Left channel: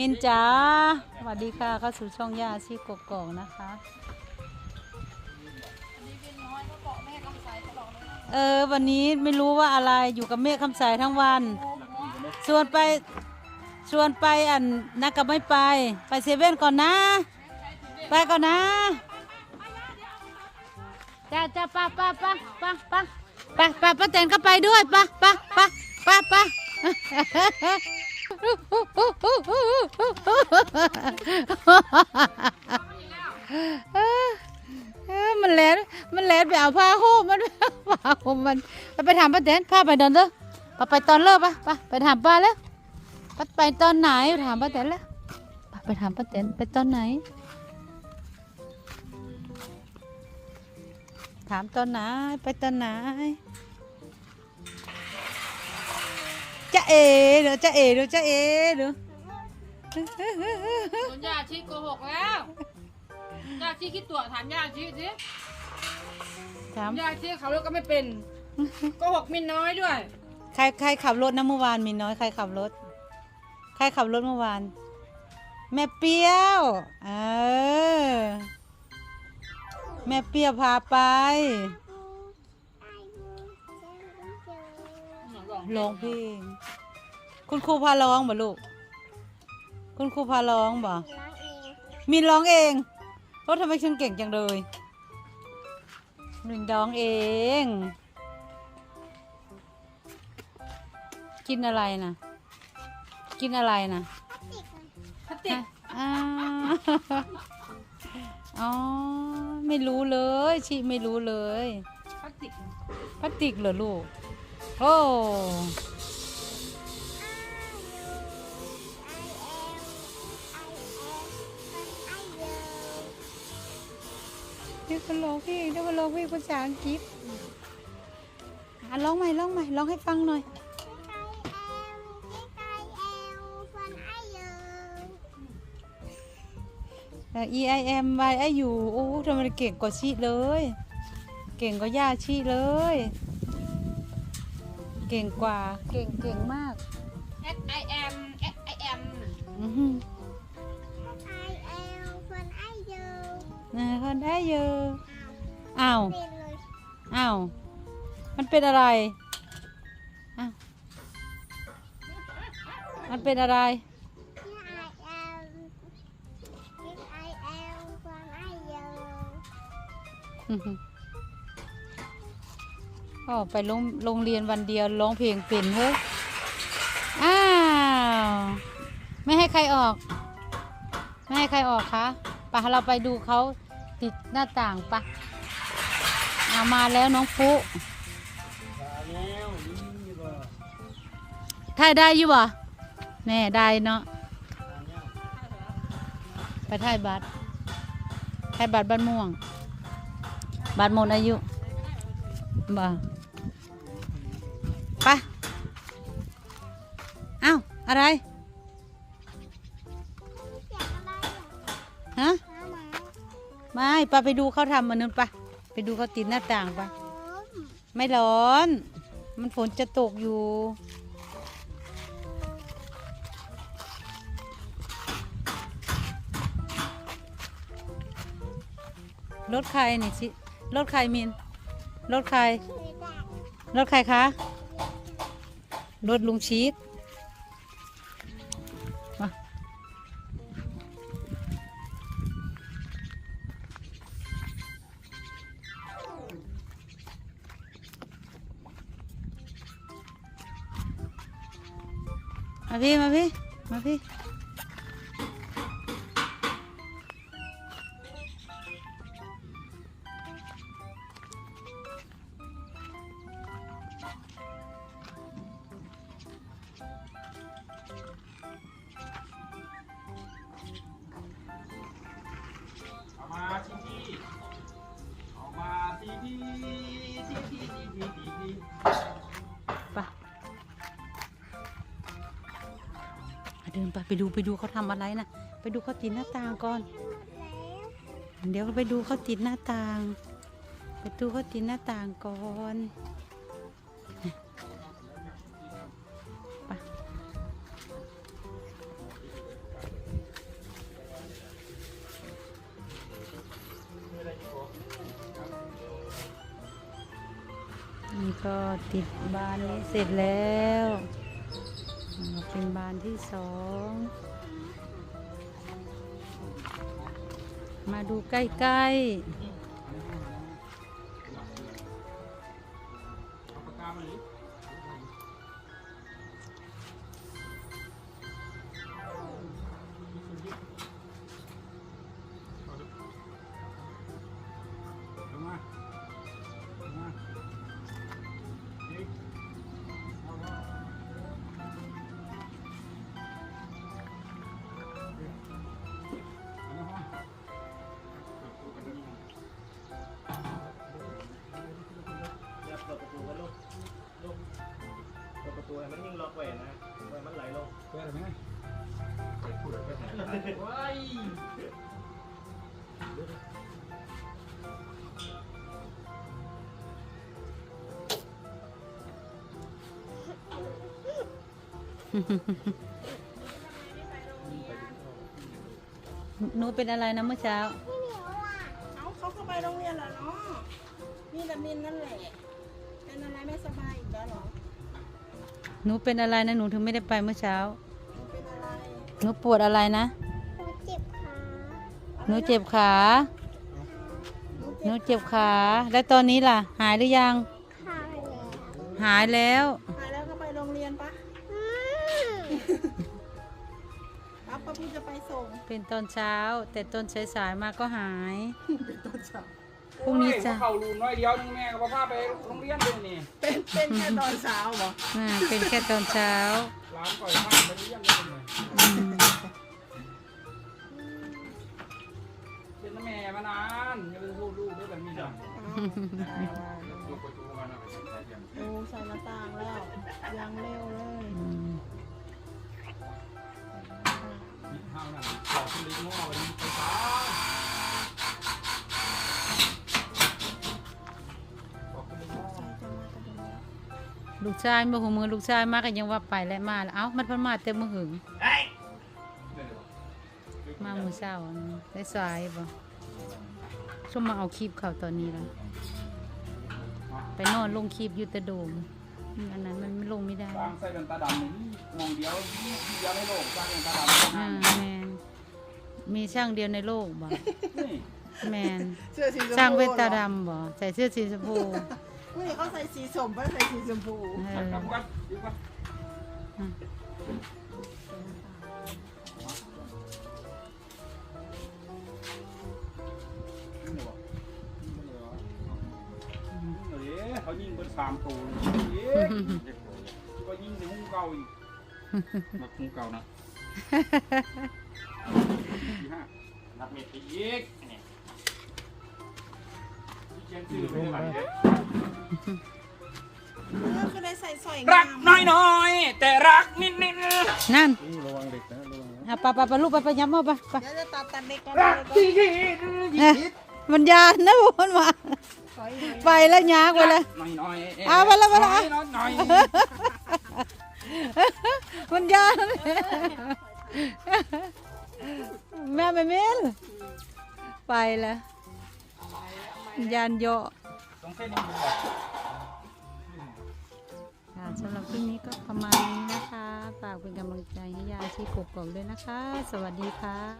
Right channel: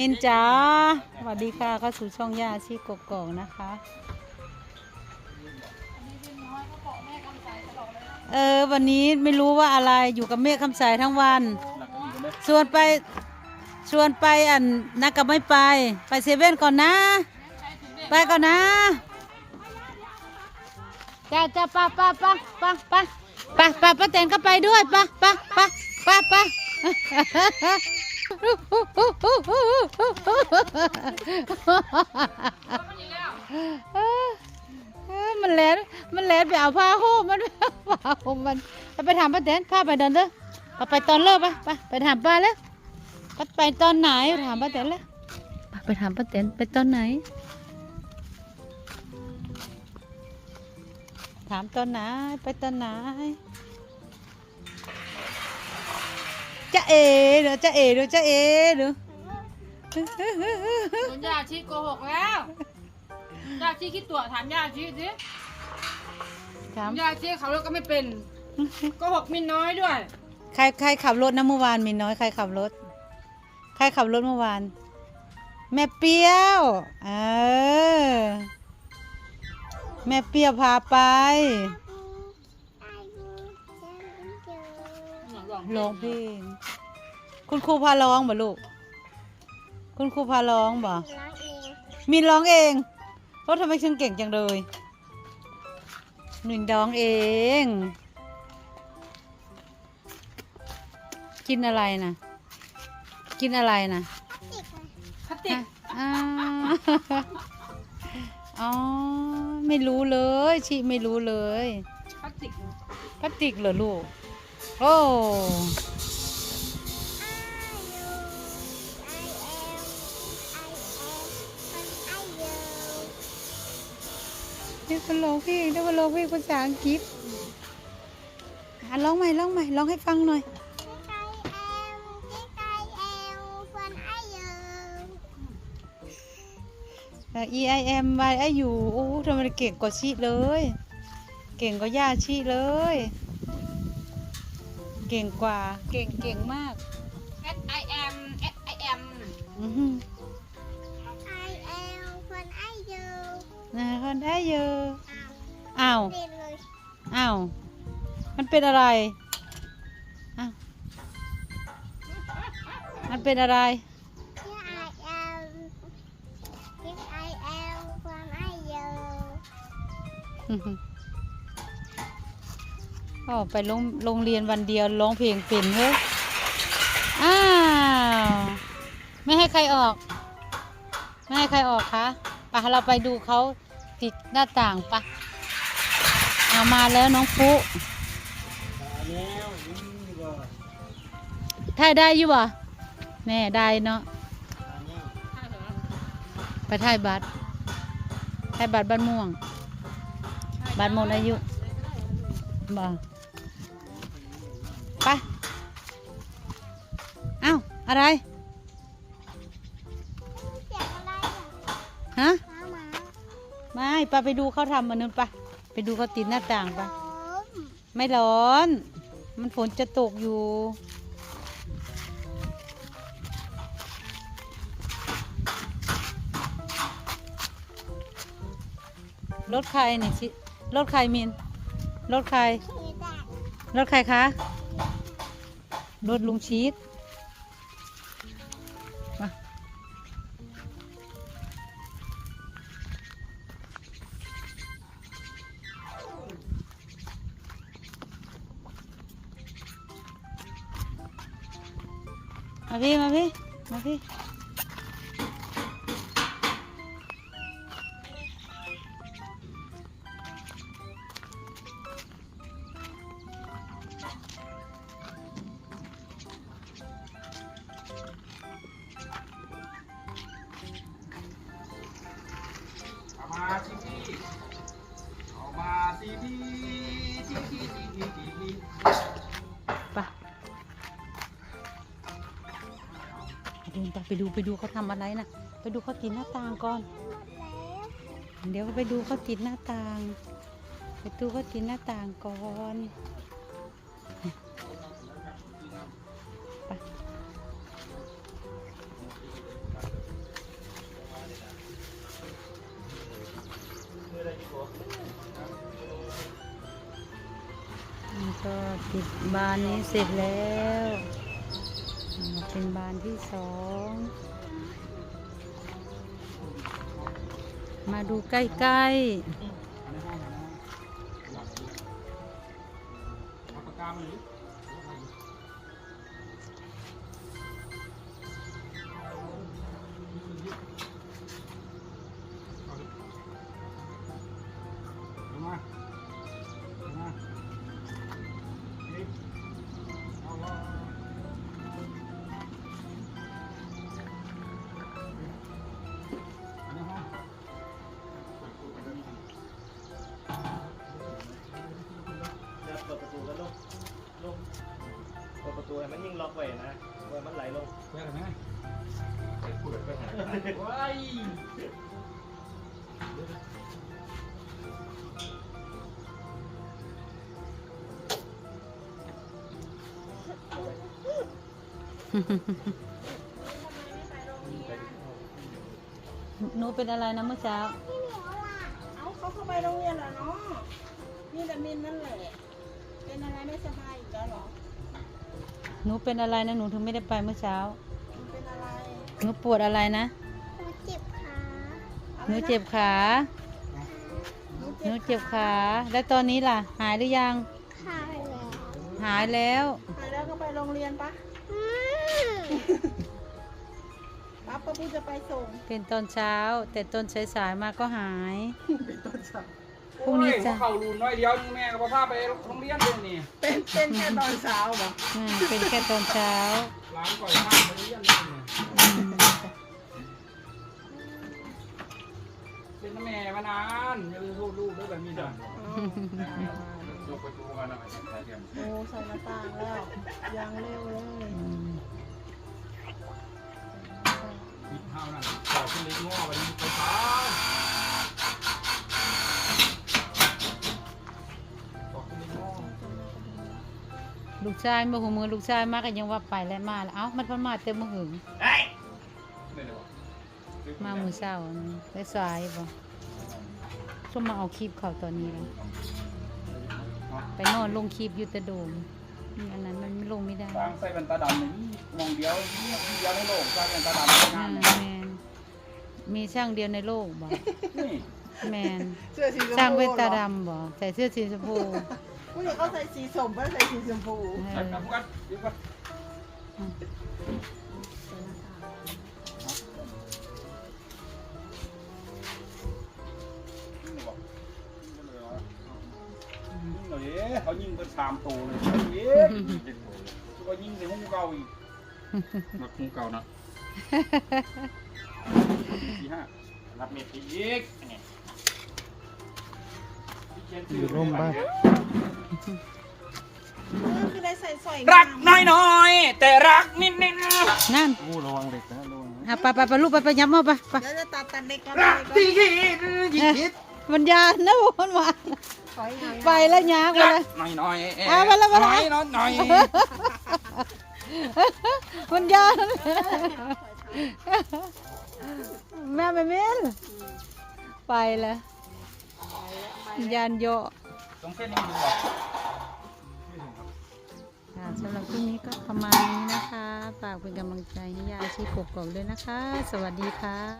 มินจ๋าสวัสดีค่ะเข้าสู่ช่องย่าชีกกอกนะคะ เออ วันนี้ไม่รู้ว่าอะไรอยู่กับเมฆคำสายทั้งวัน ชวนไป ชวนไปอันนักกับไม่ไป ไปเซเว่นก่อนนะ ไปก่อนนะ จ้าจ้าป้าป้าป้าป้าป้าป้าป้าป้าแตนก็ไปด้วยป้าป้าป้าป้าป้า มันแลนมันแลนไปเอาผ้าห่มมันผ้าห่มมันไปไปถามป้าแตนพาไปเดินเด้อไปไปตอนเลิกปะไปไปถามป้าแล้วไปไปตอนไหนถามป้าแตนแล้วไปไปถามป้าแตนไปตอนไหน ถามตอนไหนไปตอนไหน เอเดี๋ยวจะเอเดี๋ยวจะเอเดี๋ยวโดนยาชีโกหกแล้วยาชีคิดตัวถามยาชีสิถามยาชีขับรถก็ไม่เป็นโกหกมินน้อยด้วย ใครใครขับรถนะเมื่อวานมีน้อยใครขับรถ ใครขับรถเมื่อวาน แม่เปี้ยวเออแม่เปี้ยวพาไป ร้องเพลงคุณครูพาร้องบ่ลูก คุณครูพาร้องบ่มีร้องเองรถทำไมฉันเก่งจังเลยหนึ่งร้องเอง กินอะไรนะกินอะไรนะพลาสติกอ่าอ๋อ ไม่รู้เลย ชิไม่รู้เลยพลาสติกพลาสติกเหรอลูก โอ้นี่คนร้องเพลงได้มาร้องเพลงภาษาอังกฤษอะร้องใหม่ร้องใหม่ร้องให้ฟังหน่อยเอ่อ E I M Y I U โอ้ทำไมเก่งกว่าชีเลย เก่งกว่าย่าชีเลย เก่งกว่า เก่งเก่งมากเอสไอเอ็มเอสไอเอ็มอือหือนะคนได้เยอะอ้าวอ้าวมันเป็นอะไรอ้าวมันเป็นอะไรอื้อหือ อ๋อไปโรงโรงเรียนวันเดียวร้องเพลงเป็นเฮ้ย อ้าว ไม่ให้ใครออก ไม่ให้ใครออกคะไปเราไปดูเขาติดหน้าต่างปะเอามาแล้วน้องปุ๊ถ่ายได้อยู่บ่แม่ได้เนาะ ไปถ่ายบัตรถ่ายบัตรบ้านม่วง บัตรหมดอายุ บังไป เอ้า อะไรฮะไม่ปะไปดูเขาทำมันนึงปะไปดูเขาติดหน้าต่างปะไม่ร้อน มันฝนจะตกอยู่ รถใครนี่ชิรถใครมิน รถใคร รถใครคะ รถลุงชีสมามาพี่ มาพี่ มาพี่ ไปเดินไปไปดูไปดูเขาทำอะไรนะไปดูเขาติดหน้าต่างก่อน เดี๋ยวไปดูเขาติดหน้าต่าง ไปดูเขาติดหน้าต่างก่อน ก็ติดบานนี้เสร็จแล้วอ่าเป็นบานที่สองมาดูใกล้ๆ เปิดประตูให้มันยิ่งล็อกไว้นะไว้มันไหลลงไปอะไรไหมไปพูดไปไหนว้ายๆหนูเป็นอะไรนะเมื่อเช้าเอาเขาเข้าไปโรงเรียนเหรอเนาะนี่แต่มินนั่นแหละ เป็นอะไรไม่สบายอีกแล้วเหรอหนูเป็นอะไรนะหนูถึงไม่ได้ไปเมื่อเช้า เป็นอะไรหนูปวดอะไรนะเจ็บขาหนูเจ็บขา หนูเจ็บขา แล้วตอนนี้ล่ะ หายหรือยังขาแล้วหายแล้วไปแล้วก็ไปโรงเรียนปะปั๊บป้าพี่จะไปส่ง เป็นตอนเช้า แต่ตอนสายๆมาก็หาย เป็นต้นเช้า พรุ่งนี้จะเขาลูนน้อยเดียวนึงแม่ก็พาไปโรงเรียนเลยนี่เป็นเป็นแค่ตอนเช้าเหรออืมเป็นแค่ตอนเช้าร้านก่อยมากไปเรียนเลยนี่อืมเป็นแม่มานานอย่าไปพูดลูกด้วยแบบนี้จ้ะยกไปจูกันนะไปใส่กันโอ้ใส่น้ำตาลแล้วยังเร็วเลยอืมมีข้าวนั่นขอขึ้นเล็กง้อไปไปฟ้า ลูกชายมาหัวมือลูกชายมาก็ยังว่าไปแล้วมาแล้วเอ้ามันเพิ่นมาเต็มมือหึงไม่ได้วะมามือเช้าได้สายบ่ช่วงมาเอาคลิปเขาตอนนี้แล้วไปนอนลงคลิปอยู่แต่โดมนี่อันนั้นมันไม่ลงไม่ได้สร้างใส่เป็นตาดำนี่มองเดียวนี่เดียวในโลกสร้างเป็นตาดำอืงานมเนี่ยแมนมีช่างเดียวในโลกบ่นี่แมนเสื้อสีชมพูช่างเวตาหรอดำบ่ใส่เสื้อสีชมพู ผู้หญิงเขาใส่สีสมป่ะใส่สีชมพูเอจับอจับกันเดี๋ยวกันนี่เลยวะนี่เลยวะนี่เลยเขายิ่งเป็นสามตัวเลยเย้ก็ยิ่งถึงหูเก่าอีกมาหูเก่านะสี่ห้ารับเม็ดอีก นี่ที่เขียนชื่อไม่ไหวเลยคือได้ใส่สร้อยรักน้อยๆแต่รักนิดนั่นๆอู้ระวังเด็กนะระวังอะไปไปไปลูกไปไปย้ำมาไปไปเดี๋ยวจะตัดตันเด็กมารักเลยที่คิดยิ่งคิดมันยานนะมันมาถอยห่างไปแล้วยากไปรัเลยกน้อยๆเอามาแล้วมาแล้ว น้อยๆน้อยมันยานแม่ไม่เม้นไปแล้ว ยานโยตรงเส้นนี้ดูก่อนค่ะสำหรับคลิปนี้ก็ประมาณนี้นะคะ ฝากเป็นกำลังใจให้ยาชีกกอกด้วยนะคะ สวัสดีค่ะ